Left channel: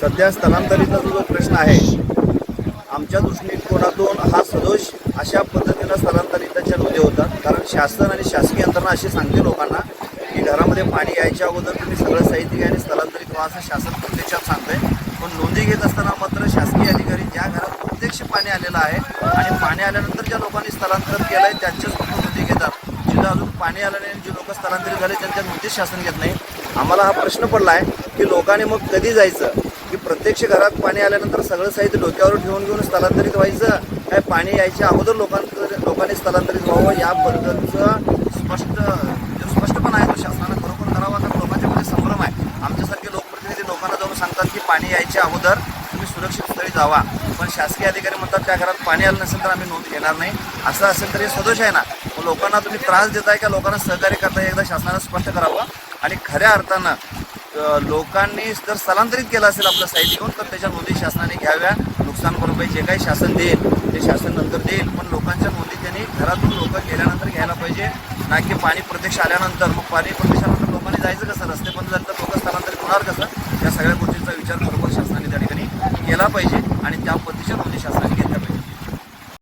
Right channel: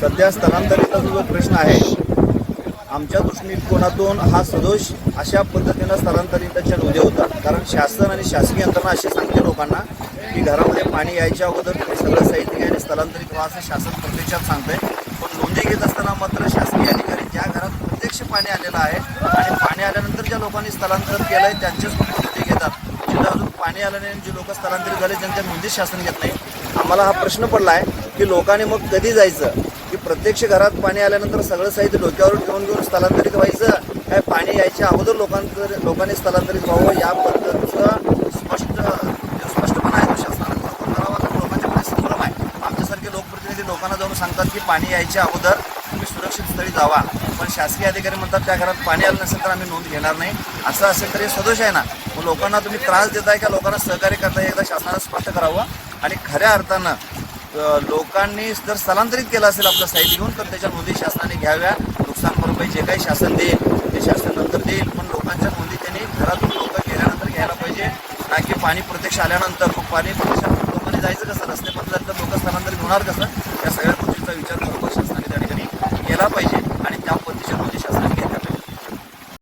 सध्या स्थलांतरिताचा जो प्रश्न आहे आमच्या दृष्टिकोनातून हा सदोष अशा पद्धतीनं स्थलांतरिताच्या नोंदी होतात कारण शासन आणि शासकीय यंत्रणा अशी सांगते लोकांना की घरामध्ये पाणी यायच्या अगोदर तुम्ही सगळं साहित्य आणि स्थलांतरित व्हा असं शासन प्रत्यक्षात सांगतंय. पण नोंदी घेत असताना मात्र शासकीय अधिकारी ज्या घरात प्रत्यक्ष पाणी आलेलं आहे आणि पाणी आल्यानंतर ज्या लोकांनी स्थलांतर केलंय त्यांच्याच फक्त नोंदी घेतात. जिथं अजून पाणी आलं नाही जे लोक स्थलांतरित झाले त्यांच्या नोंदीच शासन घेत नाही. आम्हाला हा प्रश्न पडला आहे की लोकांनी मग कधी जायचं? की प्रत्यक्ष घरात पाणी आल्यानंतर सगळं साहित्य डोक्यावर ठेवून घेऊन स्थलांतरित व्हायचं. काय पाणी यायच्या अगोदर लोकांतर लोकांनी स्थलांतरित व्हावं याबद्दलचं स्पष्ट स्पष्टपणा आहे तो शासनानं खरोखर करावा. कारण लोकांच्या मध्ये संभ्रम आहे. आमच्यासारखे लोकप्रतिनिधी लोकांना जाऊन सांगतात की पाणी यायच्या अगोदर तुम्ही सुरक्षित स्थळी जावा. पण शासकीय अधिकारी म्हणतात त्या घरात पाणी आलं नसेल तर आम्ही नोंद घेणार नाही. असं असेल तर हे सदोष आहे ना. मग लोकांना तुम्ही त्रास देताय का? लोकांना सहकार्य करताय? एकदा शासनानं स्पष्ट करावं. आणि खऱ्या अर्थानं लोकांनी जर स्थलांतरित केलं असेल आपलं साहित्य घेऊन तर त्याच्या नोंदी शासनाने घ्याव्या. नुकसान भरपाई जे काही शासन देईल ते शासन नंतर देईल. पण लोकांच्या नोंदी त्यांनी घरातून लोक गेल्यानंतर घ्यायला पाहिजे. ना की पाणी प्रत्यक्ष आल्यानंतर. मग पाणी प्रत्यक्ष आल्यानंतर लोकांनी जायचं कसं? रस्ते बंद झाले तर लोक स्थलांतरित होणार कसं? या सगळ्या गोष्टींचा विचार बरोबर शासनाने त्या ठिकाणी केला पाहिजे. आणि त्या पद्धतीच्या नोंदी